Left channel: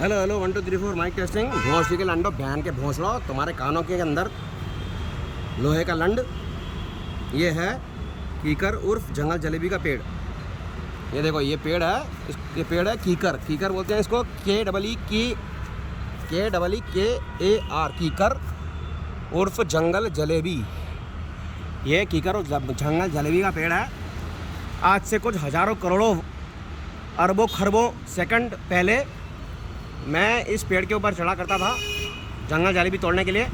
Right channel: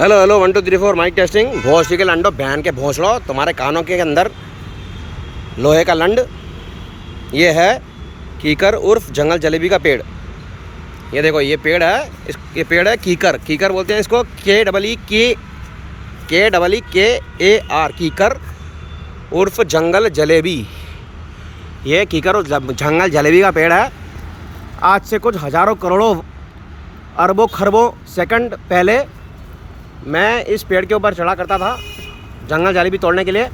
Hello hello 1 2 3 4 mic testing. भोसड़ी के लंडो बहन के भोसड़ो, तुम्हारे कानों के अंदर लोहे का लंड। ये है कीकर उर्फ जंगल जलेबी का पेड़। ये देखो, ये पेड़ है, ये पेड़ है कीकर। कीकर बोलते हैं इसको, KEE KEAR, कीकर उर्फ जंगल जलेबी। ये कीकर उर्फ जंगल जलेबी का पेड़ है। आज से कुछ हज़ारों करोड़ों अरबों खरबों सेकंड पहले मैं इस पेड़ के ऊपर चढ़ा करता था जंगल जलेबी तोड़ने के लिए।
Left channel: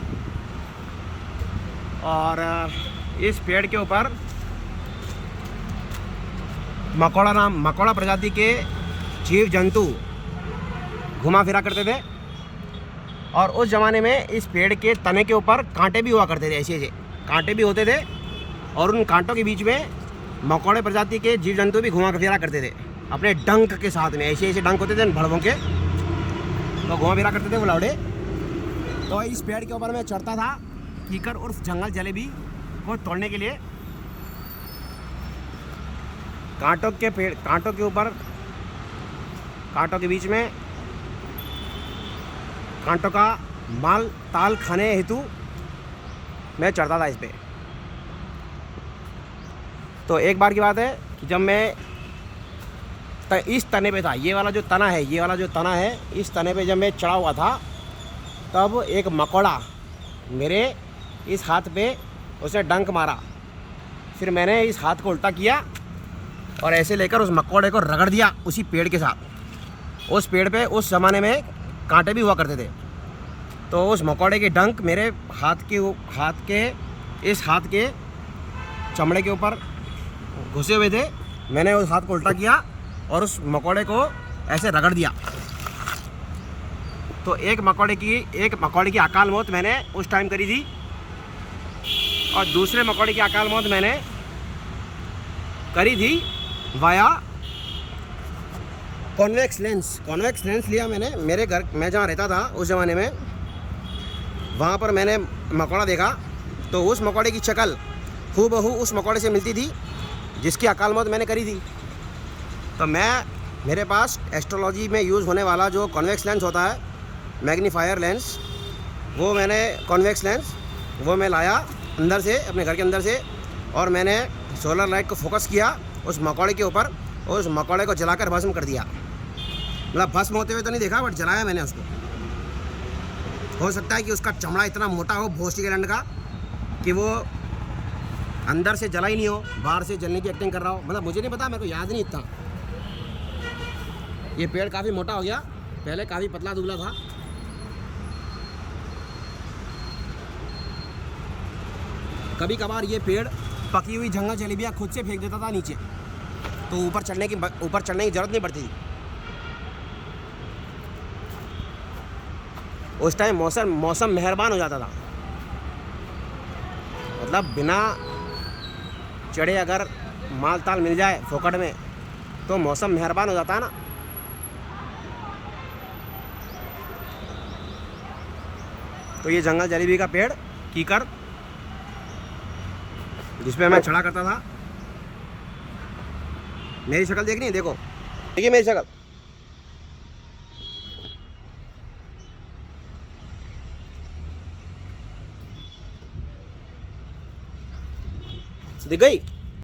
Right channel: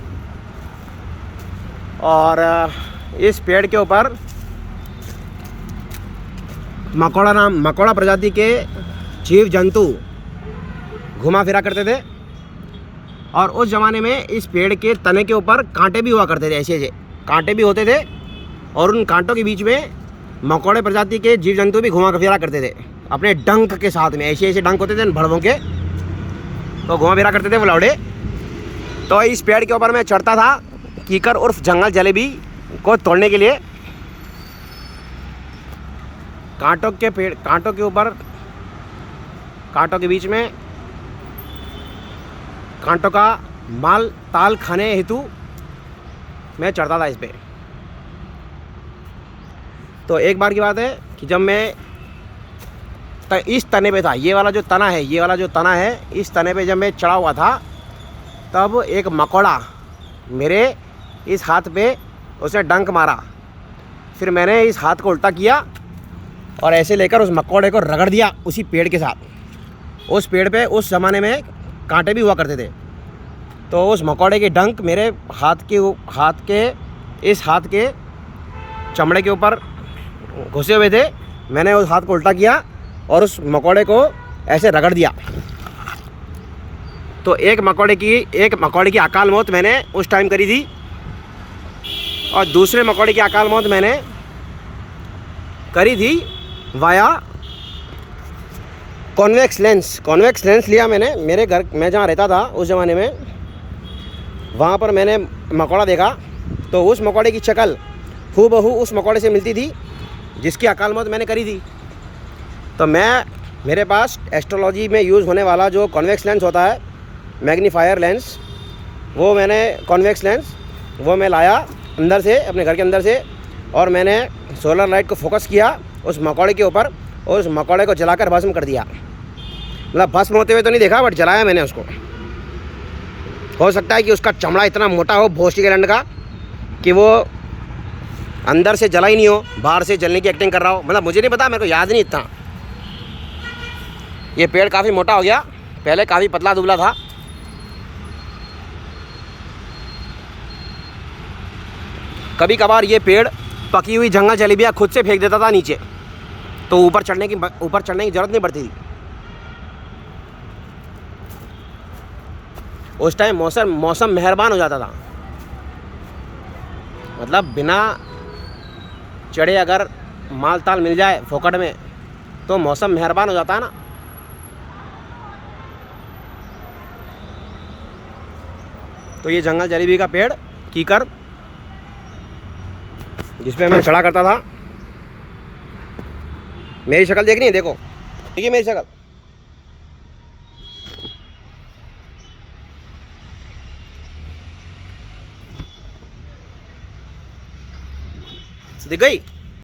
और इस पेड़ के ऊपर मकोड़ा प्रजाति के जीव जंतु घुमा फिरा करते थे। और उस ज़माने में इस पेड़ के तने के ऊपर कांटे भी हुआ करते थे, ऐसे ऐसे कांटे भी होते थे। और उन कांटों के बीच में मकोड़े प्रजाति के जीव जंतु भी घुमा फिरा करते थे अपने डंक के साथ में। ऐसे ऐसे डंक होते थे भड़वों के, तो घुमा फिरा करते थे वो लौड़े। तो इस पेड़ के ऊपर मैं चढ़ता था कीकर उर्फ जंगल जलेबी को तोड़ने के लिए। कांटों के ऊपर, कांटों के बीच में कांटों का माल ताल खाने हेतु मैं चढ़ता था इस पे। तो एक बार की बात है कि जब मैं इस तने पे था, ये वाला जो तना है, इस तने पे जब मैं चढ़ा हुआ था, तब एक मकोड़ा मेरे इस हाथ पे उसे डंक मारा। फिर मैंने इस हाथ को उल्टा किया और ऐसे लेकर उस मकोड़े को रगड़ दिया उसी पेड़ के साथ। उस पेड़ पे उस ज़माने में कांटे भी हुआ करते थे। तो उस मकोड़े के डंक मेरे इस हाथ के चमड़े के ऊपर घुसे हुए थे। मैंने उस हाथ को उल्टा किया और उस मकोड़े को ऐसे रगड़ दिया। तो एक मकोड़े की अकाल मौत मैंने उस टाइम करी थी। और दूसरे मकोड़े की अकाल मौत मैंने करी थी वाया कॉन्वेक्स लेंस लिया मैंने। मेरे घर, मैं जहाँ रहता था उस ज़माने में, वहाँ पर मैंने मकोड़ा देखा। तो उस मकोड़े की शक्ल हूबहू उस मकोड़े से मिलती थी जिसकी अकाल मौत मैंने करी थी। तो मेरे पास एस्ट्रोलॉजी में यूज़ होने वाला जो कॉन्वेक्स लेंस होता है, मैग्नीफायर लेंस, वो मैं लाया अंदर से, अपने घर के अंदर से। और मैंने सोलर लाइट को फोकस किया उस मकोड़े के ऊपर और उस मकोड़े को जलाकर भस्म कर दिया। मतलब भस्म होते हुए तो नहीं देखा, बट जलाया मैंने उसको। हो सकता है कि उसका चमड़ा इतना मोटा हो भोसड़ी के लंड का कि वो अंदर से जला ही नहीं हो, बाहर से जलने की एक्टिंग कर रहा हो। मतलब मुझे नहीं पता, मेरे को याद नहीं इतना। ये पेड़ काफ़ी मोटा हो गया, पहले काफ़ी पतला दुबला था। कभी कभार ये पेड़ पकी हुई जंगल जलेबियाँ खुद से फेंक देता था नीचे, तो ऊपर चढ़ने की ज़रूरत नहीं पड़ती थी। उस टाइम मौसम मेहरबान हो जाता था। मतलब बिना चढ़े अगर माल ताल मिल जाए फोकट में, तो मौसम मेहरबान हो जाता है ना। तो ये जंगल जलेबी का पेड़ कीकर, जिस पे मैं चढ़ा करता था। मेरी शक्ल देखनी है, देखो, देखिए मेरी शक्ल। दिख गई।